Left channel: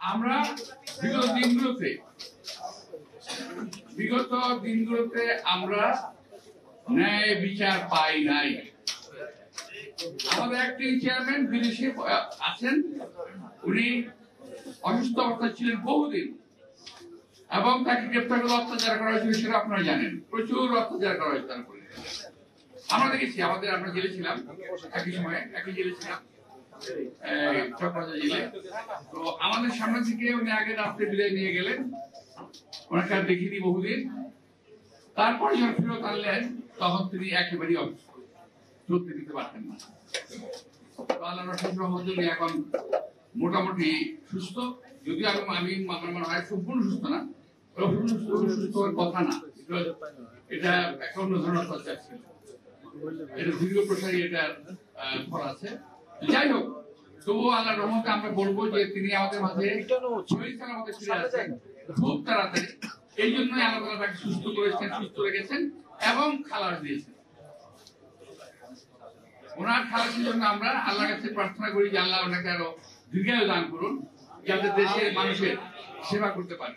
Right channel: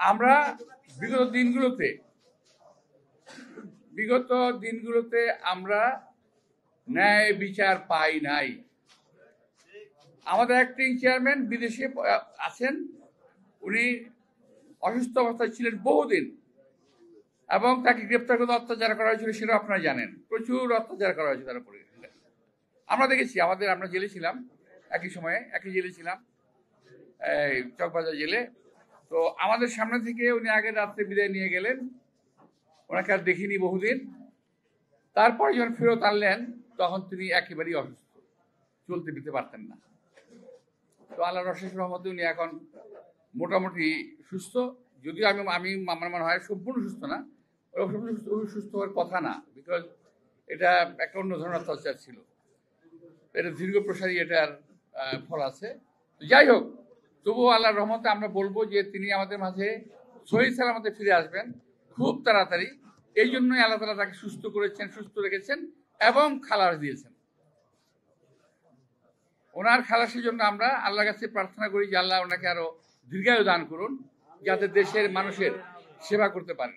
আমরা বিগত দিনগুলোতে আমরা ন্যায় বিচার পাই নাই। আমাদের অ্যাক্টিং চেয়ারম্যান বিদেশে আছেন, উনি অসুস্থ অবস্থায় ছিলেন বহুদিন, এবং তাকে গ্রেপ্তার করে অত্যাচার করা হয়েছিল, সেটা আপনারা জানেন। প্রচুর অত্যাচার করা হয়েছে তার উপরে। আমরা দেখেছি, আমরা জেলে ছিলাম, একই জেলে ছিলাম, চকবাজার জেলে। তো আমাদের সামনে থেকে উনি আগে রাত্রে বিদায় নিয়ে গেলেন, ওনাকে আর দেখিনি বহুদিন। তারপরে যখন ফেরত আনলেন, তখন তিনি একেবারেই অসুস্থ, চলতে ফিরতে পারতেন না। তো আল্লাহ রহমতে উনি এখন মোটামুটি সুস্থ, যদিও আমি আমার মনে হয় সম্পূর্ণ সুস্থ না, সুস্থ হওয়ার কথা না, এটা একটা অন্য ধরনের অত্যাচার ছিল, এটা দীর্ঘ প্রসারী এটার ফল আছে। যাই হোক, তবুও আল্লাহর রহমতে আমরা বলবো যে তিনি আমাদের মাঝে শহীদ সালামতে ফিরে আসবেন খুব তাড়াতাড়ি। এই জন্যই আল্লাহ তাআলা তাকে সুস্থ করেছেন, সুস্থ রেখেছেন এবং খালাস দিয়েছেন। ওনার খালাসের জন্য আমরা আল্লাহর কাছে প্রার্থনা করি যে আল্লাহ ওনাকে আরো দীর্ঘায়ু দান করুন, যাতে দেশের মানুষের সেবা করতে পারে।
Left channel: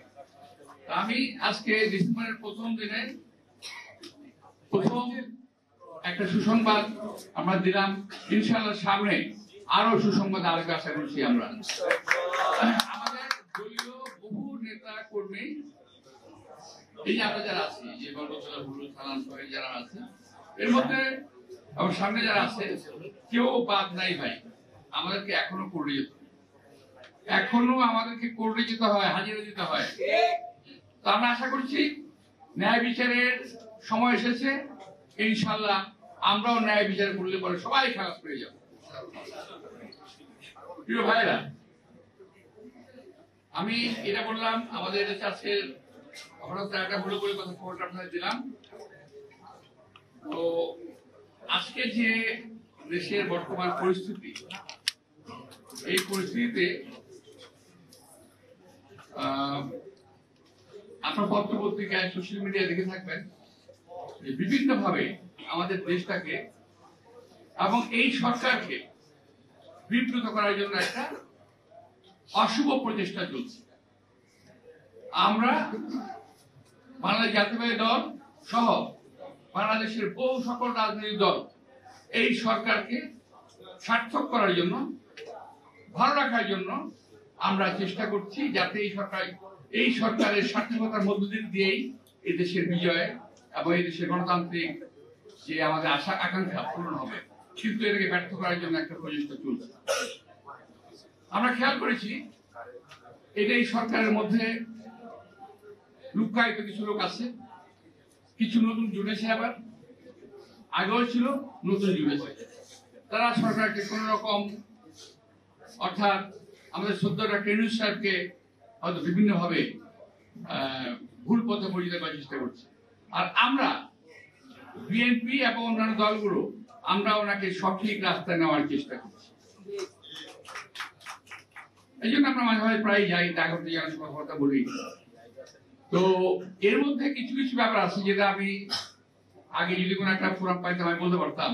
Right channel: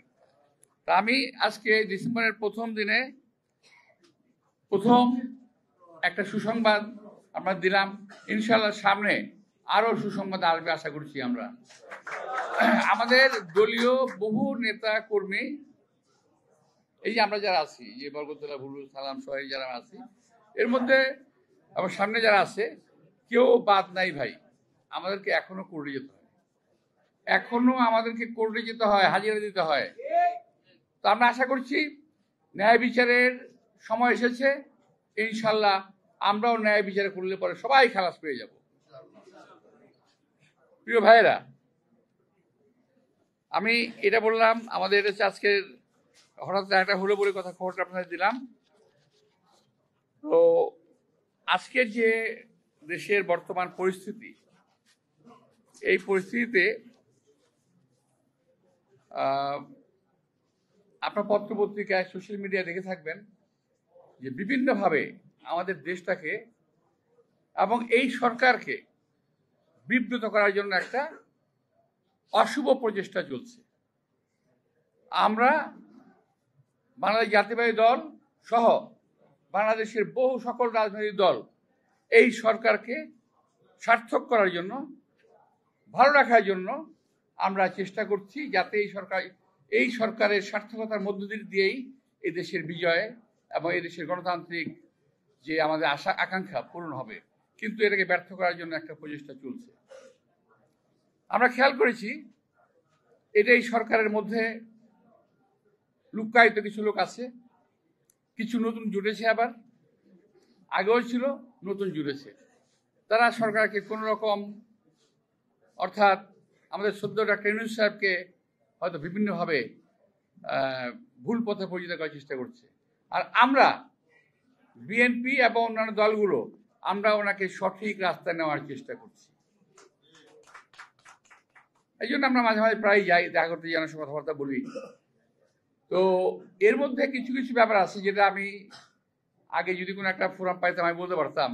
আমি আজকে ডিসেম্বরের প্রথম দিনে প্রথম একটা সুসংবাদ আমরা দিলাম। ইনশাআল্লাহ সামনে আরো সুসংবাদ আরো আশা করছি আমরা। আমাদের দলীয় বহু নেতা কর্মী, এই যে আমরা যারা আছি, যে বরকতুল্লাহ হুজুর সালাম সবাই যারা আছি, এর মধ্যে আমার সামনে যারা আছে কেউ বাদ নাই ভাই। আমাদেরকে এখনো কোর্টে যেতে হয়, এখনো আমাদেরকে কোর্টে যেতে হয়, হাজিরা দিতে হয়। তো আমরা আশা করছি ন্যায় বিচারের সময় এসেছে, ইনশাল্লাহ আমরাও ন্যায় বিচার করলে পরে সবাই খালাস পেয়ে যাব। প্রিয় ভাইয়েরা, আমি এটা বললাম, আমাদের আজকে হঠাৎ একটা হলো বলে কথা খবরটা আপনাদের দিলাম। তো আজকে যে দেশের বর্তমান পরিস্থিতি, এই পরিস্থিতিতে আপনার পত্র পত্রিকায়, সোশ্যাল মিডিয়া দেখে থাকবেন যে বিভিন্নভাবে আমাদের দেশটাকে এবং এই সরকারকে বিব্রত করার জন্য একটা অশুভ প্রচেষ্টা চলছে। আমরা বাংলাদেশ জাতীয়তাবাদী দল সহ বাংলাদেশের বহু সকল রাজনৈতিক দল এই সরকারকে সার্থক করার জন্য, ভালো রাখার জন্য আমরা চেষ্টা করছি, যাতে এই সরকারের সার্থকতার মধ্য দিয়েই এই দেশের বিজয় এবং এই দেশের গণতান্ত্রিক যে আমাদের আশা আকাঙ্ক্ষা পূরণ হবে। কিন্তু এটাকে ব্যর্থ করার জন্য একটা প্রচেষ্টা চলছে। আমরা খেয়াল করেছি এটা এই সরকারের মধ্যে লুকায়িত কিছু লোক আছে, কিছু নতুন জুড়েছে, আবার আগেও ছিল, নতুন জুড়েছে। তারা সরকারকে কোন রকম, অর্থাৎ আমাদের শ্রদ্ধেয় ডক্টর ইউনূস সাহেবকে হয়তো বিভিন্নভাবে ভুল পথে পরিচিত করার চেষ্টা করছে। আর আমরা বিএনপি এবং অন্যান্য দলগুলো আমরা ওনাকে সঠিক রাস্তায় নেওয়ার চেষ্টা করছি। এই জন্য আমরা মাঝে মাঝে প্রায় যাই, দেখা করতে জনসভা কথাবার্তা বলি। তো এর মধ্যে কিছু কিছু ব্যাপার আছে যেটা আমি আগে যদি কোনো একটা ফোরাম পাইতাম আমি বলতে পারতাম।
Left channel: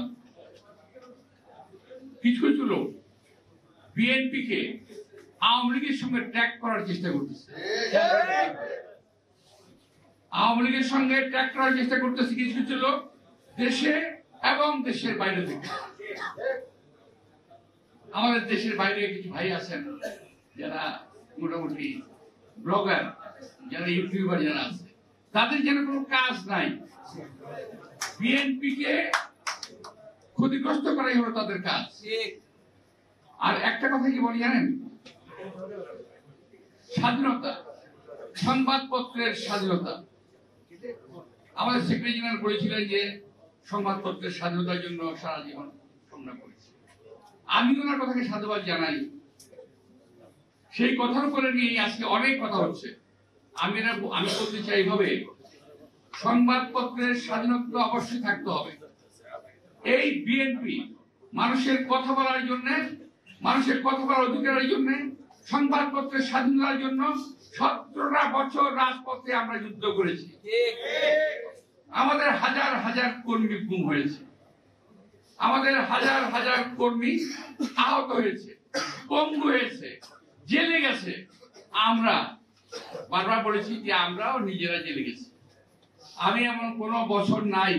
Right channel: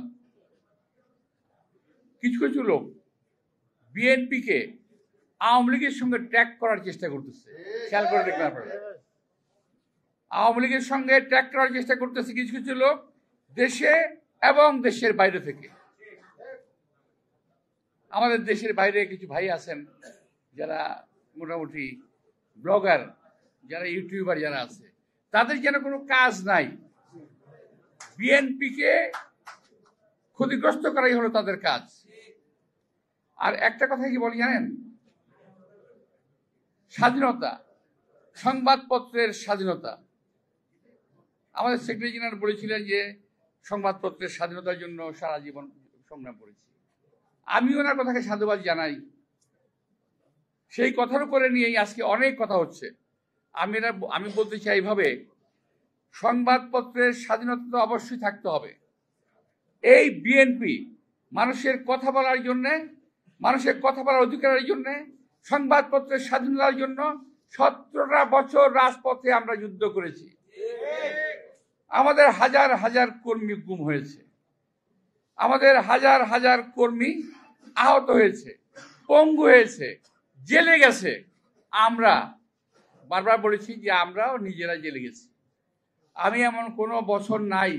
কিছু কিছু লোক বিএনপি কে আওয়ামী লীগের সঙ্গে ট্যাগ করার চেষ্টা করতেছে। আওয়ামী লীগের সঙ্গে ট্যাগ করার চেষ্টা করতেছে কিছু কিছু লোক, দেশে এবং দেশের বাইরে থেকে। আমাদের দেশের বাইরে কিছু ভাই আছেন যারা মোটামুটি ব্লগার, যারা ইউটিউবার যারা আছে, তাদের যেন কোনো কাজ নাই, বিএনপি কে ক্ষতিগ্রস্ত করাই হলো তাদের কাজ। আর একটা কথা কি বলি জানেন, স্বাধীনতা, সংবাদপত্রের স্বাধীনতা, আমাদের সেক্রেটারি জেনারেল বলেছিলেন যে সংবাদপত্রের স্বাধীনতার জন্য সারা জীবন সংগ্রাম করেছি। আমি ওনার কথাকে সাধুবাদ জানাই। সেই কথার উপরে নিয়েই আজকে অনেক কথা হচ্ছে। আমি বলতে চাই এইভাবে, সংবাদপত্রের স্বাধীনতা অবশ্যই থাকতে হবে। এই বিএনপি মানুষের কথা বলার জন্য, মানুষের কথা বলার অধিকারের জন্য, সংবাদপত্রের স্বাধীনতার জন্য 17টা বছর রাজপথে আমরা যুদ্ধ করেছি। আমাদের হাজার হাজার কর্মী গুম হয়েছে, আমাদের হাজার হাজার কর্মী আহত হয়েছে, পঙ্গু হয়েছে, জেলে গেছে। আমরা বারবার বলেছি যে আমরাও নিজেরা জেলে গেছি। আমি এমন কোনো বছর নাই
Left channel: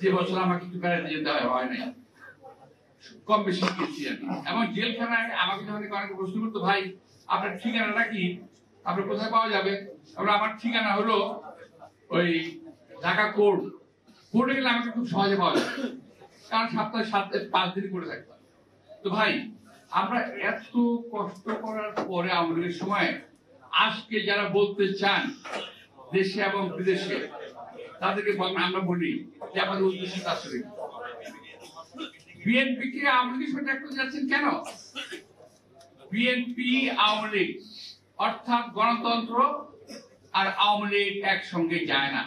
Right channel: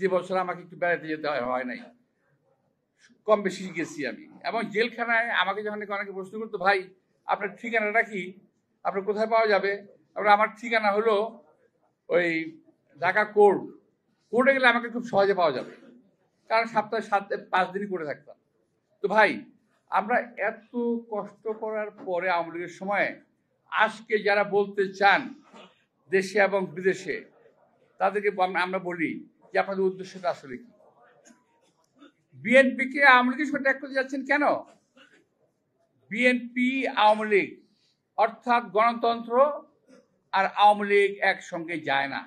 যে বছর আমাকে একটু বেড়াতে যেতে হয় নাই, কম বেশি গেছি আমি। এবং জেলখানায় আমাকে যখন অনেকে প্রশ্ন করতো, ভাই আপনার ঠিকানাটা কি, আপনার কোথায় পাওয়া যাবে? আমার ঠিকানা হলো ওই ঢাকা কোর্ট। কোর্টে গেলে আমাকে খুব সহজে পাওয়া যাবে, কারণ সপ্তাহে 5 দিনই করে থাকতাম। তো ভাই, আমরা এত কষ্ট করার পরে আমাদের সময় আজকে যারা বলতে চান দেশে এবং বিদেশে, তাদেরকে আমরা বলি যে আমাদের উদ্দেশ্যটা আসলে বিএনপি কে আওয়ামী লীগের সাথে ত্যাগ করতে যাচ্ছেন কেন? বিএনপি আওয়ামী লীগ অর্থাৎ গণতন্ত্র আর আওয়ামী লীগ একসঙ্গে যায় না।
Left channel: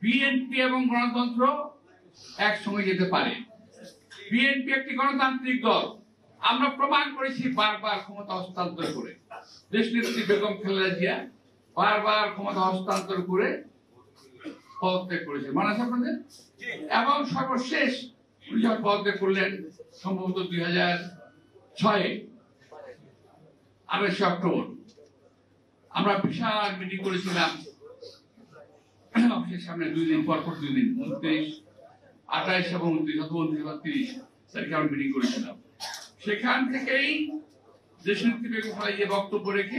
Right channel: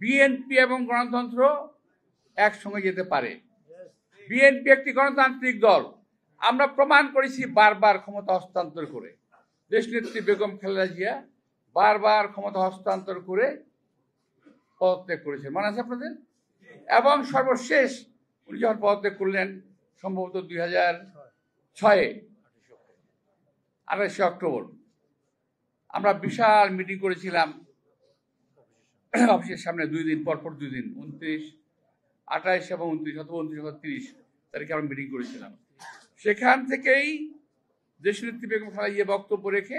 বিএনপি এবং গণতন্ত্র একসঙ্গে যেতে পারে। বিএনপি একটি গণতান্ত্রিক দল, আমরা প্রমাণ করেছি বারবার ক্ষমতা হস্তান্তর করে। দেশনেত্রী বেগম খালেদা জিয়া বারবার ক্ষমতা হস্তান্তর করে পদত্যাগ করেছেন, মনে আছে আপনাদের? এবং সর্বশেষ উনি যখন পদত্যাগ করলেন সম্ভবত 2006 28 অক্টোবর, আমরা বিশাল মিটিং করেছিলাম অফিসের সামনে 2 দিন পর 2 দিন, 29, 28 এবং 29 তারিখে আমরা মিটিং করেছিলাম। সেখান থেকেই দেশনেত্রী বেগম খালেদা জিয়া বক্তব্য রেখে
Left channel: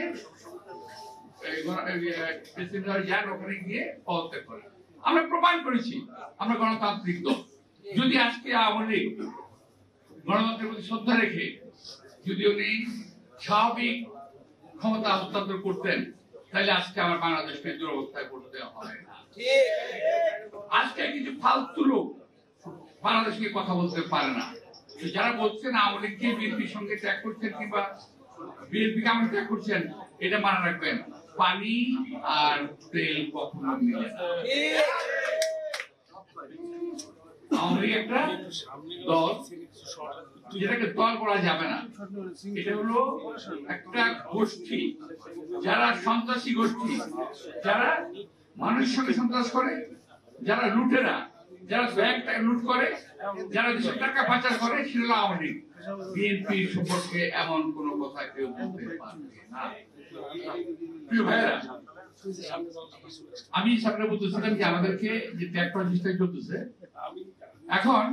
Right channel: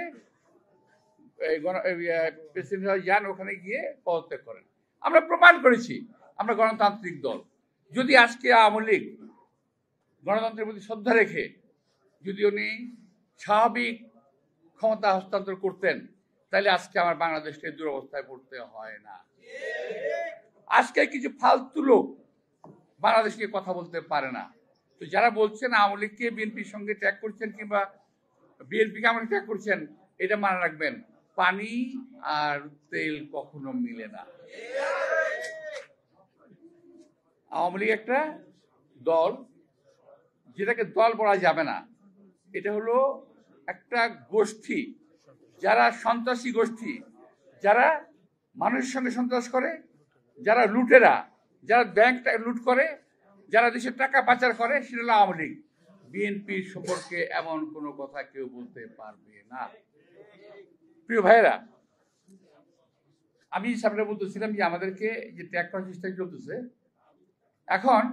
প্রেসিডেন্ট যান, ওখানে গিয়ে পদত্যাগ করেন। আমরা প্রমাণ করেছি আমরা গণতান্ত্রিক দল। যদি আজকে আওয়ামী লীগ গণতন্ত্রের প্রতি শ্রদ্ধা রেখে যদি উনি স্বাভাবিক ক্ষমতা হস্তান্তর করতেন, তাহলে আজকে আমার বাংলাদেশকে দুরবস্থায় পড়তে হয় না। আজকে কিছু ফালতু লোক বাংলাদেশকে কথা বলতে পারে না। যারা বলছেন আওয়ামী লীগকে বিএনপির সঙ্গে ত্যাগ করছেন কিংবা বিএনপি কেমন ত্যাগ করছেন, এটা মনে রাখবেন, পানি আর তেল কখনো মিলে না। আওয়ামী লীগ একটা দল, যেটাকে দল বলা যাবে না। এটা হলো একটা গোষ্ঠী, যারা সন্ত্রাসী গোষ্ঠী, যারা মানুষের সঙ্গে সন্ত্রাস করে, যারা লুটেরা, যারা ব্যাংক লুট করে, যারা দেশের টাকা পাচার করে, সেটা হলো আওয়ামী লীগ। বিএনপি সম্পর্কে এমন কোন কথা কেউ বলতে পারবে না। প্রিয় ভাইয়েরা, আমি সামনে বলতেছিলাম যে আমাদেরকে যে ত্যাগ করার চেষ্টা চলতেছে, এখন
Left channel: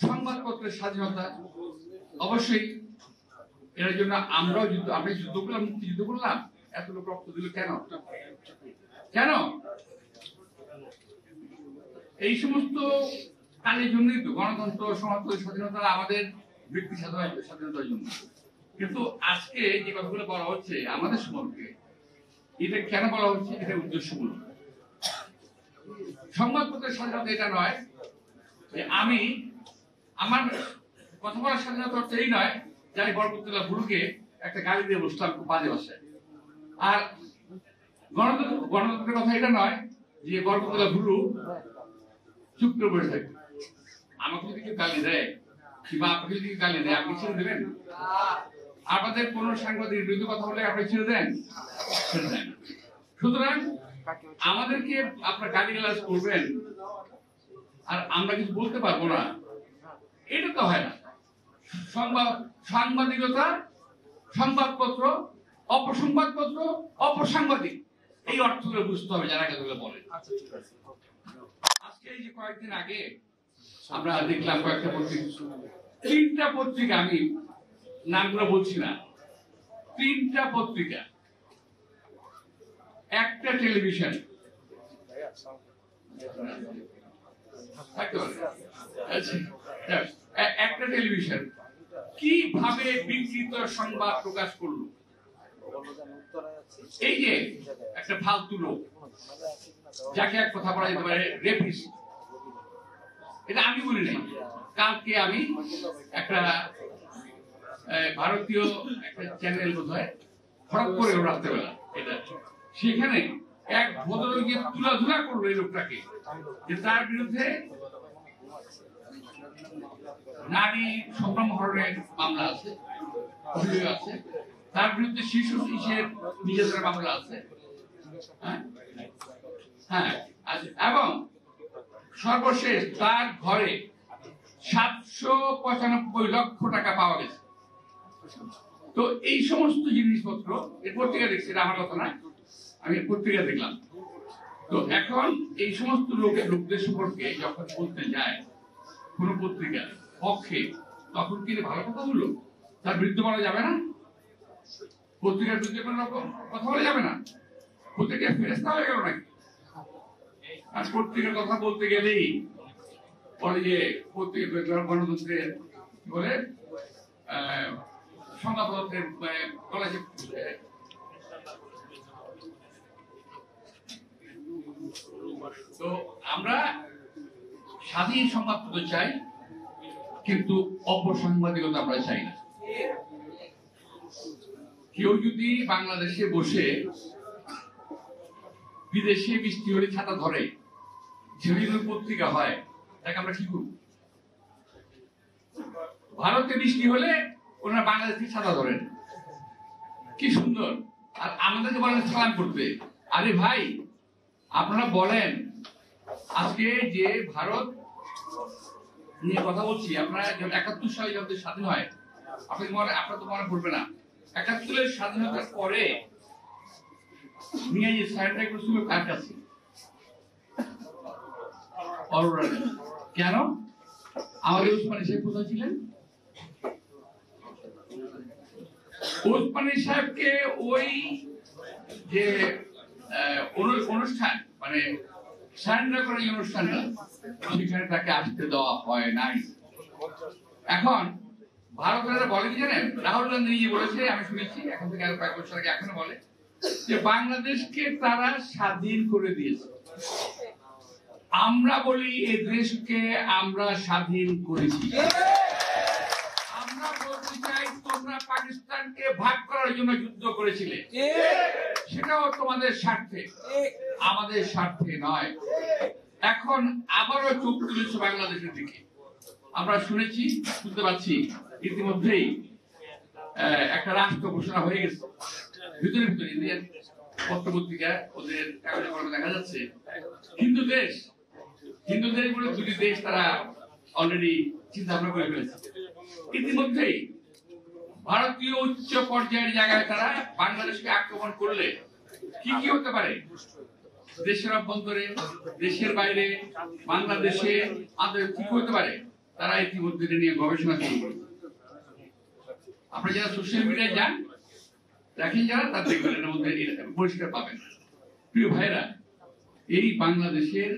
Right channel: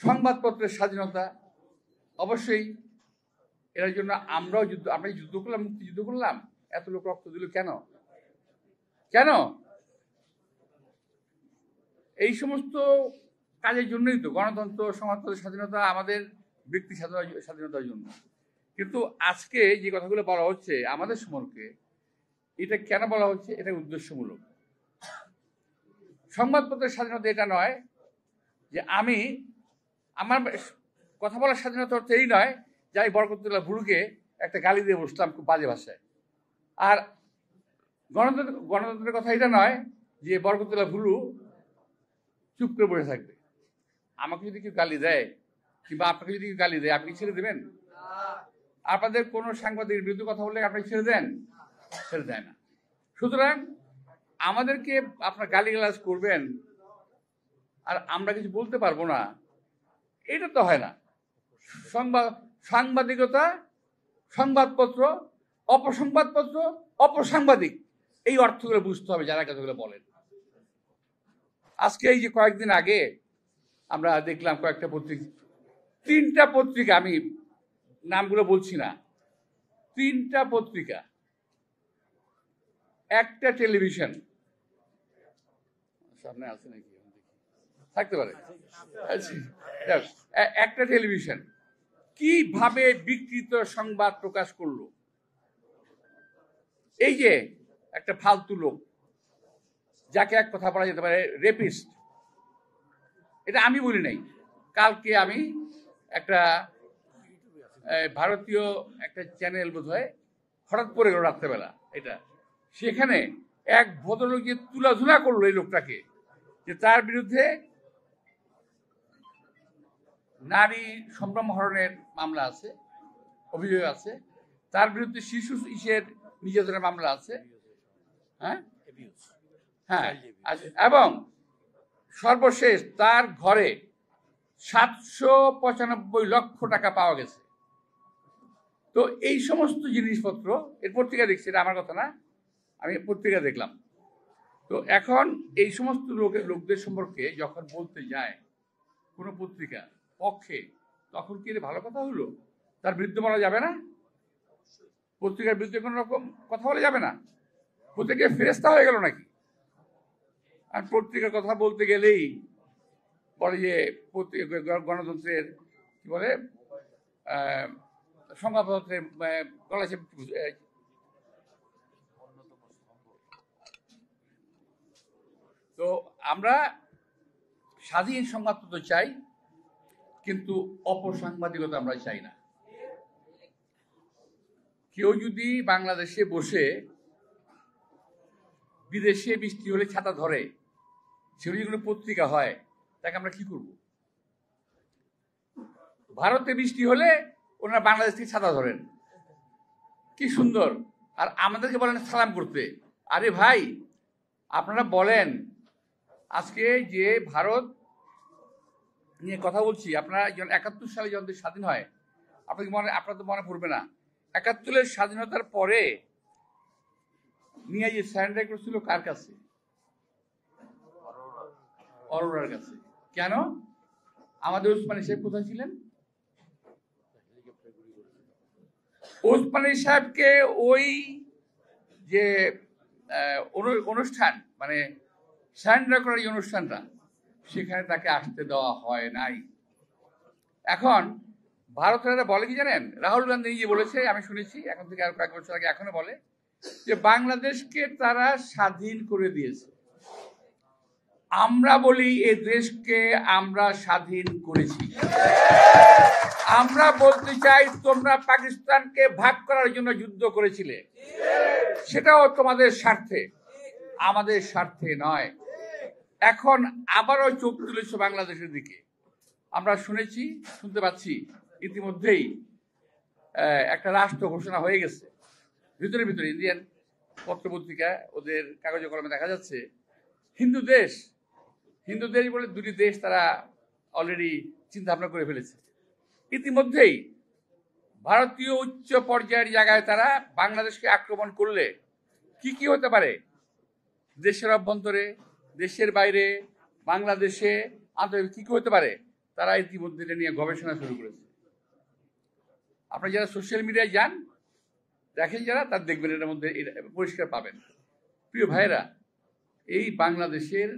সংবাদপত্রের স্বাধীনতা অবশ্যই এর জন্য আমরাও যুদ্ধ, আপনি যুদ্ধ করলাম, মুক্তিযুদ্ধ করলাম, এত লোক রক্ত দিল কেন? কেন? এই সমস্ত কাজের জন্যই তো গণতন্ত্র, সমাজতন্ত্রের স্বাধীনতা, আমাদের ব্যক্তি স্বাধীনতার জন্য। কিন্তু আজকে যে কথাগুলো বলা হচ্ছে আমাদের সম্পর্কে, এটা কেন বলা হচ্ছে? এটা উদ্দেশ্যমূলক। সংবাদপত্রের স্বাধীনতা এটা নয় যে আমি আমার কথা বলার স্বাধীনতা হচ্ছে এই নয় যে আমি বরকতুল্লাহ বুলুকে একটা গালি দিয়ে বসলাম বাজে ভাষায়। আর গণতন্ত্রের কথা এটা নয় যে বরকতুল্লাহ বুলু চুপ করে বসে থাকবে। আমাকে যদি কেউ গালি দেয় কিংবা আপনাকে যদি গালি দেয়, আপনি ছেড়ে দেবেন? আপনাদের কোন সাংবাদিকের বিরুদ্ধে কথা বলে আপনি ছেড়ে দেন? ছেড়ে দেন। সুতরাং আমাদেরকে আপনার গালিগালাজ করবেন আর আমরা কিছু বলতে পারবো না, এটা তো হয় না। সাংবাদিকতা, সংবাদপত্র, অপসংবাদপত্র, অপসাংবাদিক, এই অর্থগুলো বুঝতে হবে যারা কথাগুলো বলেন। আজকে এই যে কয়েকদিন আগে আমরা দেখলাম কয়েকটা পত্রিকা, 3টা পত্রিকা, আমি নামগুলো বলছি না, 3টা পত্রিকা, একটা টেলিভিশন থাকতে পারে, একটা টেলিভিশন কিভাবে বিকৃত সংবাদ প্রকাশ করলো। এই যে একটা ফালতু লোক, যাকে এক কথা বলা যেতে পারে রেপিস্ট, এটা আমি বলি নাই। কালকে আমি একটা ভারতীয় একটা চ্যানেল বোধহয় হঠাৎ করে রাত্রেবেলা, এটা সেখানে এক ভদ্রলোককে তুলাধুলা করলো এই লোকটাকে, যে তার বিরুদ্ধে নারী সম্ভ্রম হরণের মামলা আছে, অভিযোগ আছে, তার বিরুদ্ধে শিশু নির্যাতনের মামলা আছে, হ্যাঁ, এবং সর্বশেষ তার ঘরে 795 লক্ষ টাকা পাওয়া গেছে। তো এই সমস্ত জিনিসপত্র এর পত্রিকা দেখছি, এটা আমার কথা না, আমি পত্রিকা দেখলাম। তো এখন এই সমস্ত লোকদের সম্পর্কে যখন বলতে যায় কোন পত্রিকার পক্ষে, তখন কি ভালো কথা হলো? তার বিরুদ্ধে বলা যাবে না? পত্রিকার বিরুদ্ধে কোন রকম কথা বলা যাবে না? পত্রিকা ফেরেস্তা হয়ে গেল নাকি? আর পত্রিকার কথা বলতে গেলেই পরে যে পত্রিকা গণতন্ত্রের কি বলে সংবাদপত্রের গলা চেপে। তো আমরা স্বাধীন সংবাদপত্র চাই, কিন্তু অপসাংবাদিকতা আমরা চাই না। কেউ যদি বাংলাদেশে বসে বিদেশে বৃষ্টি হলে ছাতা ধরে, সেগুলো পত্রিকা হয়, তাকে আমরা কি করব? ভারতে বৃষ্টি হলে ওনারা বাংলাদেশ থেকে ছাতা ধরেন, কি সুন্দর। আর আমাদেরকে বলেন সালাম করতে। আরে ভাই, আপনারা বলেন আজকে যে ভারত নিয়ে কথা বলছি, আপনারা ৭১ সালে যখন স্বাধীন হয়, আপনার তো মনে পড়বে না, ৭১ স্বাধীনতার পরে নিয়ে যে স্যানিটাইজ করছিল কার কাছে? কেন? আমাদের ওসমানী সাহেব কোথায় ছিলেন? ওসমানী সাহেবকে ওই যে অনুষ্ঠান মানে সারেন্ডার করার এই অনুষ্ঠানটা, সেখানে তাকে আসতে দেওয়া হয় নাই। এখন ভারতের বলে কি জানেন? রাহুল গান্ধী নিজে বলেছে, আমি শুনেছি এখন থেকে আরো কয়েক বছর আগে, এখনো বলে যে বাংলাদেশকে তারা স্বাধীন করে দিয়েছে। আমরা বলি এই দেশকে আমরা স্বাধীন করেছি। আমরা বলতে চাই তোমরা পাকিস্তানকে ভাগ করার জন্য যুদ্ধ করেছিলে, সেটাও তোমাদের স্বার্থে, আমাদের স্বার্থে নয়। এখন আবারও চোখ তুলেছে বাংলাদেশের দিকে। আমরা শুনেছি, শুনতে পাচ্ছি ইতিমধ্যেই একটা রাষ্ট্র ঘোষণা হয়ে গেছে। ভিতরে ভিতরে ইন্ডিয়ান পত্রপত্রিকা ওদের কাগজে কলমে দেখা যাচ্ছে হিন্দু দেশ বলে দুটি দেশ তারা অলরেডি চিন্তা ভাবনা করে ফেলেছে। ইতিমধ্যেই ভারতীয় উচ্চ পর্যায়ের জায়গায় তারা বাংলাদেশকে আক্রমণ করলে কি কি হতে পারে, দেশের অভ্যন্তরে, দেশের বাইরে, বাংলাদেশে কি হতে পারে, তারা ইতিমধ্যে নিয়ে গবেষণা শুরু করেছে। আপনারা যারা সোশ্যাল মিডিয়ায় যান, দেখেন যারা, তার দেখবেন এর মধ্যে পরিষ্কার পাবেন। প্রিয় ভাইরা, এই বাংলাদেশের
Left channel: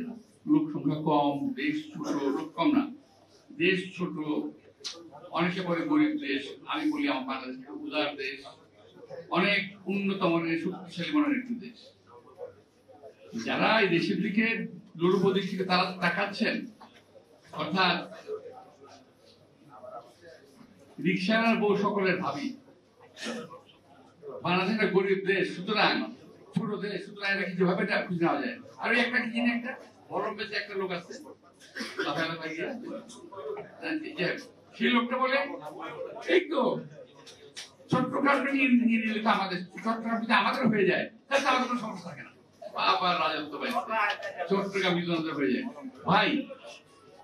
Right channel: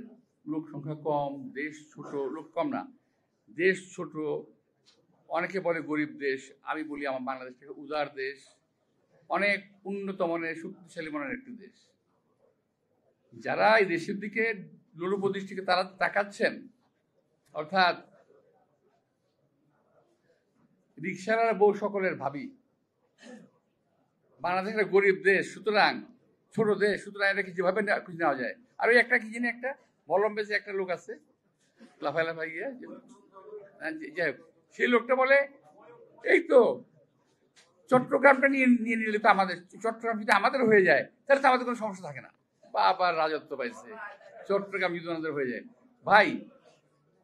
লোক সংখ্যা কম, দেশ ছোট, লোক কম না, দেশ ছোট, অনেকে বলে গরিব দেশ, আমি বলি আমার বাংলাদেশ উদার দেশ, অনেক উন্নত মানের শক্তিশালী মানের একটি দেশ। যারা এই দেশের দিকে লোলুপ দিক থেকে তারা তাকাচ্ছেন, অর্থাৎ রিক্সার বউ সকলের ভাবি, বাংলাদেশ একটা গরিব দেশ, সুতরাং ছোট দেশ, সুতরাং এটা কিছু ভাবে খুঁজে নেওয়া যায়। আর ওই একটা কি জানি, একটা বলম বেশি একটা লোক আছে, সেই লোকটা বলে এই তো চট্টগ্রামটা নিয়ে নিলে তো আমাদের, চট্টগ্রাম যদি আমাদের হয়ে যায় তাহলে আমাদের কোনো সমস্যা থাকে না, আবার রাজত্ব পাইছে, চট্টগ্রাম যদি আমাদের হয়ে যায়। ভাই,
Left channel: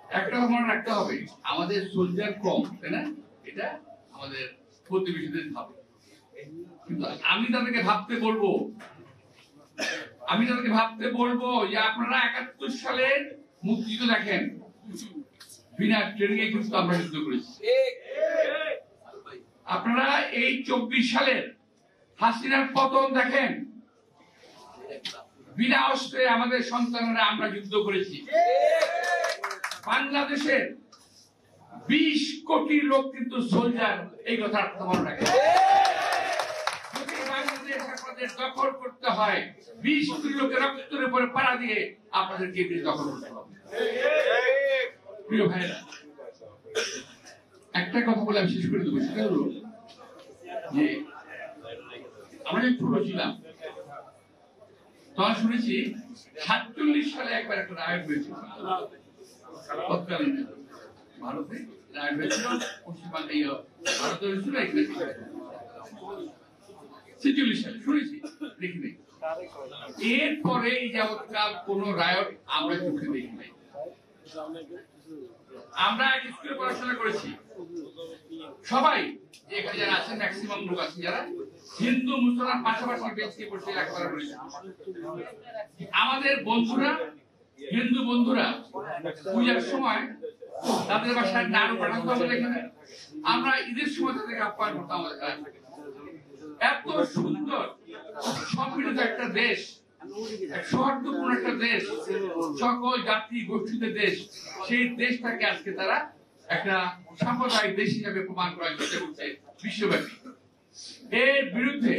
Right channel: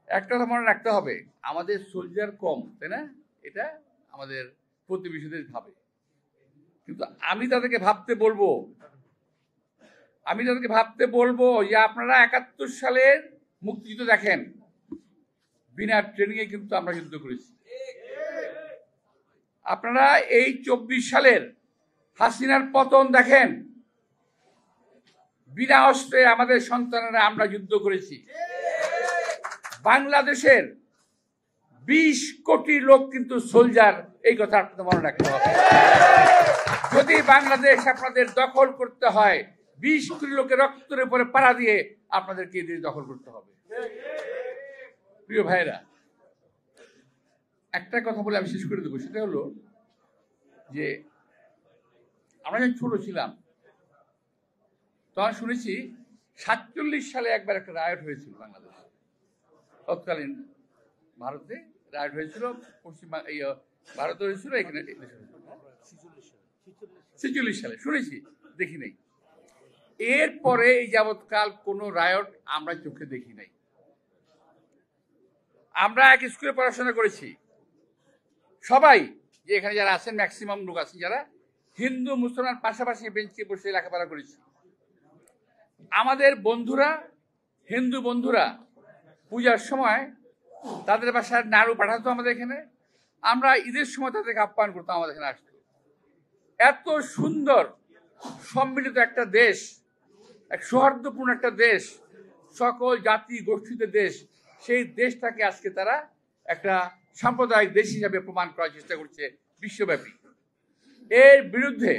একটা কথা মনে রাখতে হবে, আমাদের সোলজার কম, তাই না? এটা আমাদের প্রতিবেশীদের ভাবে, কিন্তু আমি তাদেরকে ভাবতে বলবো যে আপনারা ৭১ সালের মুক্তিযুদ্ধ দেখেন, বিনা ট্রেনিং এ কিন্তু আমরা যুদ্ধ করেছি। আপনারা এই ২৪ সালের হাসিনার পতন দেখেন, বিনা অস্ত্রে আমাদের সন্তানেরা আমরা যুদ্ধ করেছি। বাংলাদেশের ২০ কোটি লোক কিন্তু সোলজার, এই কথা মনে রাখেন। যদি বাংলাদেশ আপনাদের দখল করতে হয়, ২০ কোটি লোকের রক্তের উপরে পাড়া দিয়ে আপনাদেরকে এই দেশ দখল করতে হবে। প্রিয় ভাইরা, একটা কথা বলে আমি শেষ করে দেবো, সেটা হলো যে আমরা যখন ছোট ছিলাম তখন শুনেছি ৪৭ সালে একবার একটা রায়ট হয়েছিল, তৎকালীন ভারতে রায়ট হয়েছিল, পশ্চিমবঙ্গে ভারতে হয়েছিল, ৪৬ সালে শুনেছি, দেখি নাই। এরপরে এই যাবৎকাল কোন রায়ট আমরা চোখে দেখি নাই। আমরা এক স্কুলে পড়াশোনা করেছি, সবাই যে এখানে যারা আছেন ম্যাক্সিমাম লোক আছেন যারা হিন্দু মুসলমান পাশাপাশি বেঁচে বসে লেখাপড়া করেছে। আমাদের বন্ধুরা, হিন্দু বন্ধুরা পূজার সময় তাদের বাসায় নাড়ু পাঠাতো আমাদের এখানে, আমরা ঈদের সময় তাদেরকে আপ্যায়ন করতাম আমাদের এখানে। এত সুন্দর সম্মিলিত একটা দেশ, এক সৌহার্দ্যপূর্ণ একটা দেশ, সকল জাতি গোষ্ঠীতে দেশ, সেই দেশটাকে আজকে তারা একটা সাম্প্রদায়িক দেশ হিসাবে প্রমাণ করার চেষ্টা করছে বিশ্বব্যাপী। এর বিরুদ্ধে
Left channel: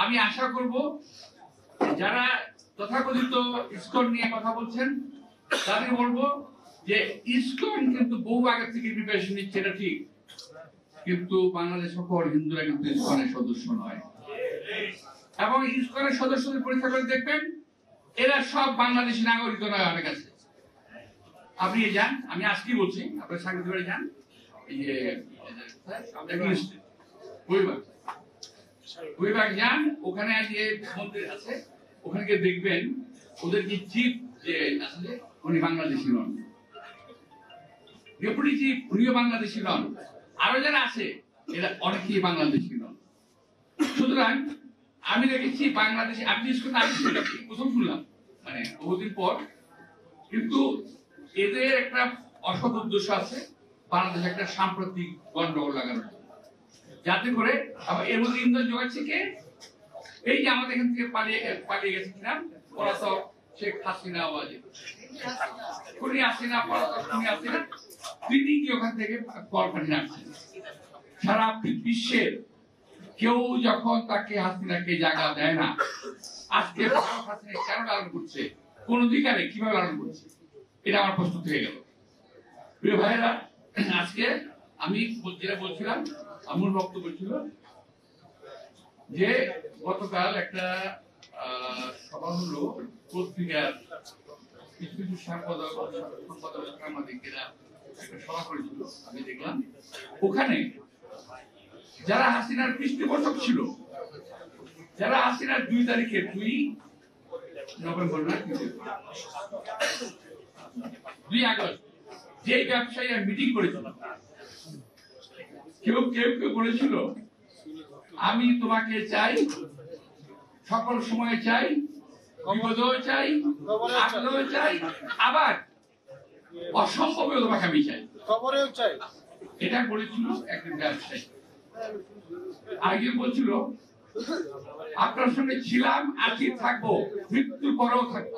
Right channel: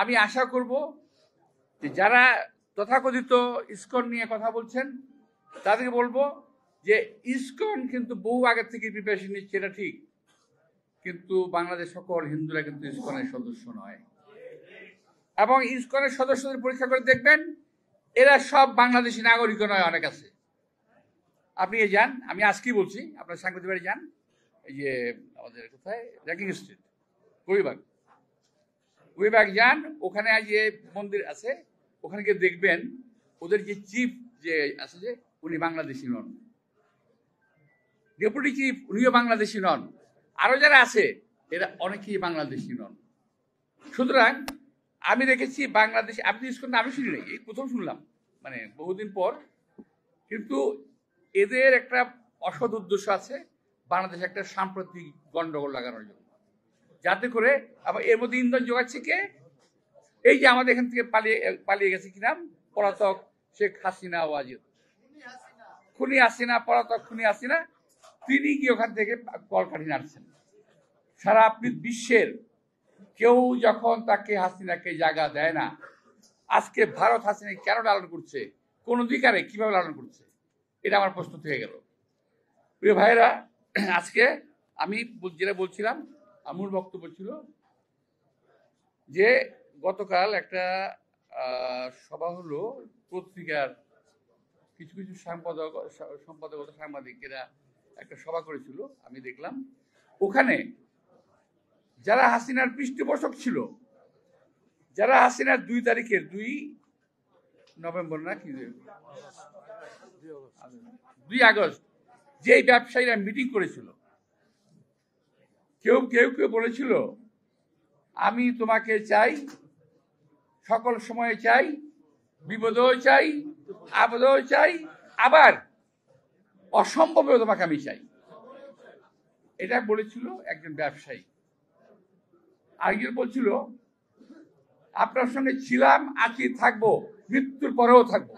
আমি আশা করব যারা তথাকথিত ইসকন নিয়ে কথা বলছেন তাদের বলবো যে ইসকন কিন্তু বহু আগে থেকে প্রিপারেশন নিচ্ছে, এটা ঠিক, কিন্তু বাংলাদেশ সকল হিন্দুরা কিন্তু ইসকনের সদস্য নয়। এবং ইসকনের সদস্যদের পরীক্ষা করে দেখবেন এরা সব বাংলাদেশি নাগরিক নয়। অনেক আছে, আপনি যান, আমি আজকেই বলছি, আপনার সাংবাদিক বাড়ি যান, এই যে কুইবাগ যান, ওখানে যে মন্দির আছে ওখানে গিয়ে দেখবেন ওদের যে চিফ যে আছে উনি বাংলাদেশি নন, ডেপুটি চিফ উনিও বাংলাদেশি নন, আরো যারা আছে এরা অনেকেই বাংলাদেশি নন। সুতরাং আমি রেখেছি বাংলাদেশে, আপনি প্রথম শুনলাম মানে বহুদিন পর, কিন্তু এদের একটা অসৎ উদ্দেশ্য আছে বাংলাদেশে একটা সাম্প্রতিক গন্ডগোল লাগানোর, যাতে করে আবার এর মধ্যে ইন্ধন যোগাচ্ছে কে, এই যে আমাদের এখান থেকে পালিয়ে গেছে কিনা পলাতক শেখ হাসিনা, খুনি হাসিনা, পলাতক খুনি হাসিনা, তিনি কি ওখান থেকে কলকাঠি নাড়ছেন। সারা বিশ্বের কেউ যখন তাকে হাসিনাকে জায়গা দেয় না, আজকে ভারত হাসিনা কেন লালন করছে, কোন অধিকারে কিভাবে লালন করছে, এটা আমার প্রশ্ন থেকে গেল। প্রিয় ভাইয়েরা, আজকে আমি যেটা বলছিলাম, আমার বক্তব্য ছিল যে গতকাল একটা সভা হলো পত্রিকার কিছু কিছু সাংবাদিকেরা একটা সভা করেছিল, আমি দেখলাম ওখানে যারা হাসিনার পৃষ্ঠপোষক ছিল, যারা হাসিনার 2 তারিখে 2 নভেম্বর না 2 আগস্ট যে ব্যবসায়ীরা মিটিং করেছিল, কেউ কেউ কেউ বলেছিল আমি তোমাকে চাই, সকল সময়ে চাই, বিপদেও চাই, আপদেও চাই, আবার অসম্ভবেও তোমাকে আমি চাই, এটা বলেছিল একজন ব্যবসায়ী। আগে বলছিল আপনার সঙ্গে ছিলাম, আজকে থাকবো, মৃত্যুর পরেও থাকবো।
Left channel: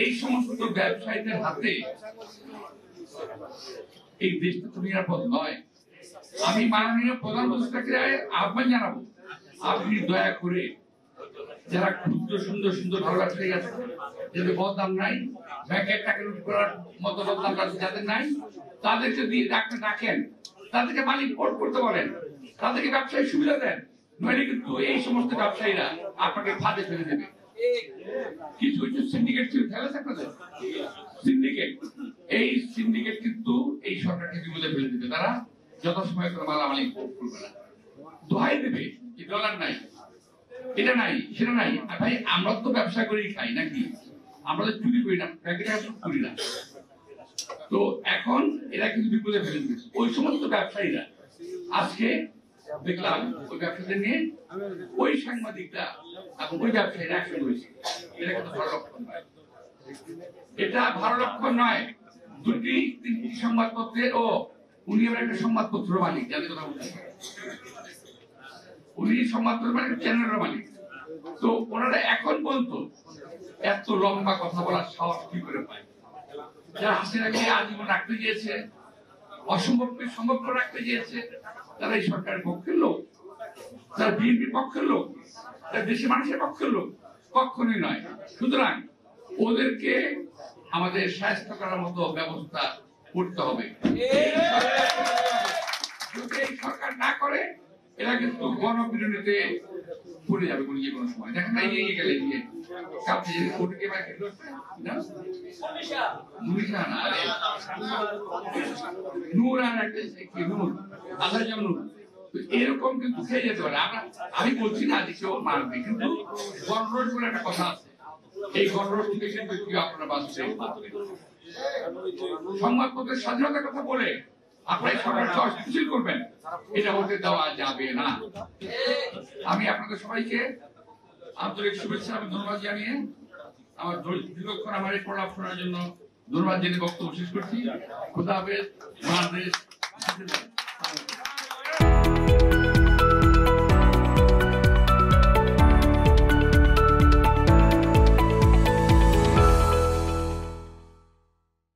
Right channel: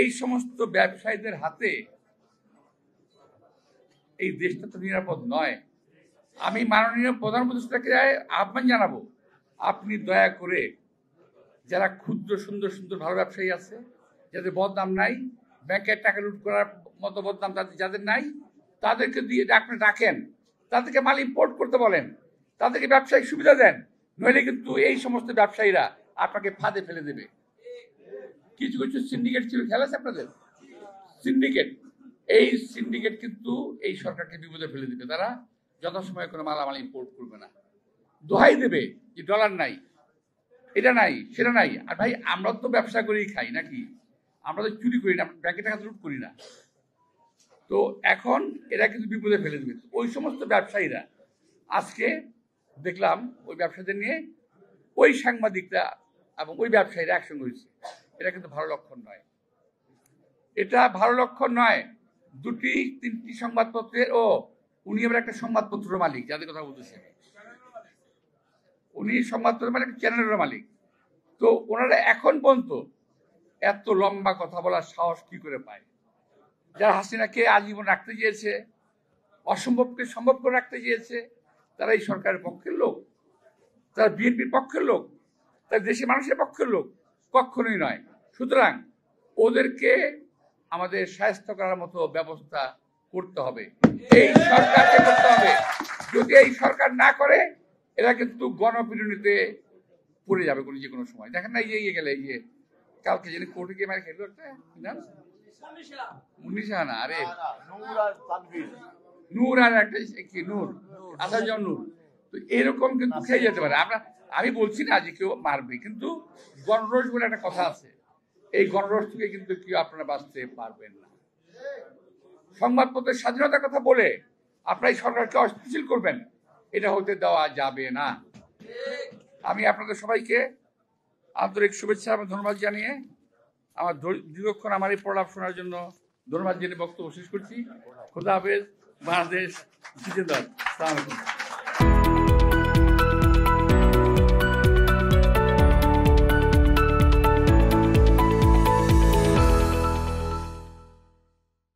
এই সমস্ত ব্যবসায়ীদের হাতে এই দেশটা তো নিরাপদ নয়। আমি মাননীয় প্রধানমন্ত্রীকে আহ্বান জানাবো, আপনি দয়া করে যারা ক্ষুদ্র সুন্দর সুন্দর ভালো ব্যবসায়ী আছে, যাদের বদনাম নাই, ব্যাংকের টাকা লুট করার মতো বদনাম যাদের নাই, তাদেরকে দিয়ে আপনি ডাকেন, তাদেরকে মালিক পোর্ট করতে বলেন, তাদেরকে ব্যবসায়িক সুবিধা দেন, নইলে কিন্তু এই সমস্ত ব্যবসায়ীরা আপনাকে ফাঁদে ফেলে দেবে। কিছু কিছু সিন্ডিকেট ছিল, খেলা আছে আপনাদের সিন্ডিকেট, এই সিন্ডিকেট কিন্তু এই সরকারকে বিপদে ফেলে দিবে। তারা যথাসময়ে কোনো মালামালি করবে না, দোহাই দেবে যে ডলার নাই, এটা নাই, সেটা নাই। ভাই আমরা তো ব্যবসা করেই খাই নাকি, আমরা তো চুরি করি না, ব্যাংকে টাকা চুরি করি না। তো এখন এরা কিন্তু বিপদে ফেলে দিবে ওই সমস্ত ব্যবসায়ীরা। আজকে দেখলাম ওই ব্যবসায়ীদের নিয়ে ওই সাংবাদিকরা এবং ওই ব্যবসায়ীরা অ্যাকশন করেছে, এটা কিন্তু ভালো লক্ষণ নয়, এটা ভালো লক্ষণ নয়। 2-3টি সংবাদপত্রের উনি আবার একটা সংবাদপত্র মালিক, জানি কথা বলছেন, উনি সংবাদপত্র মানে একটা চ্যানেলের মালিক। তো ওনারা এখন পর্যন্ত এত লম্বা কথা বলার সাহস কি করে পায়? যারা হাসিনাকে আজীবন রাখতে চেয়েছে, অসম্ভবকে সম্ভব করে রাখতে চেয়েছে, তারা এই সরকারের পক্ষের লোক, তারা বিএনপির পক্ষের লোক, তারা দেশের মানুষের পক্ষের লোক কখনোই নয়। সুতরাং ওদেরকে আমাদের সাহায্য করার মতো ব্যবস্থা করতে হবে, এই সরকারকে করতে হবে। যদি এই সরকার না করে, এরা কিন্তু গণবিরোধীতে পড়ে যাবে যে কোনো সময়। দেখেন না, এই গেলে যে কালকে কোটিকে মার খেলো না, মুনিশা না, আরে নূর আর একটা কি নূর, আসার নূর, এরকম কিন্তু খেয়ে যেতে পারে। আমি বলছি না যে কেউ মারবে, কিন্তু গণরোষ বলে একটা কথা আছে, এই গণরোষ থেকে কিন্তু কেউ আপনারা বাঁচতে পারবেন। সংবাদপত্রের স্বাধীনতার কথা বলে আপনারা এই সরকারকে অস্থিতিশীল করবেন, এটা হতে দেওয়া যাবে না। আমি আপনাদের সবাইকে আন্তরিক শুভেচ্ছা এবং ধন্যবাদ জানিয়ে আমার দীর্ঘক্ষণ আমার এই প্রলাপ শোনার জন্য ধন্যবাদ জানিয়ে বক্তব্য শেষ করছি। খোদা হাফেজ। বাংলাদেশ জিন্দাবাদ।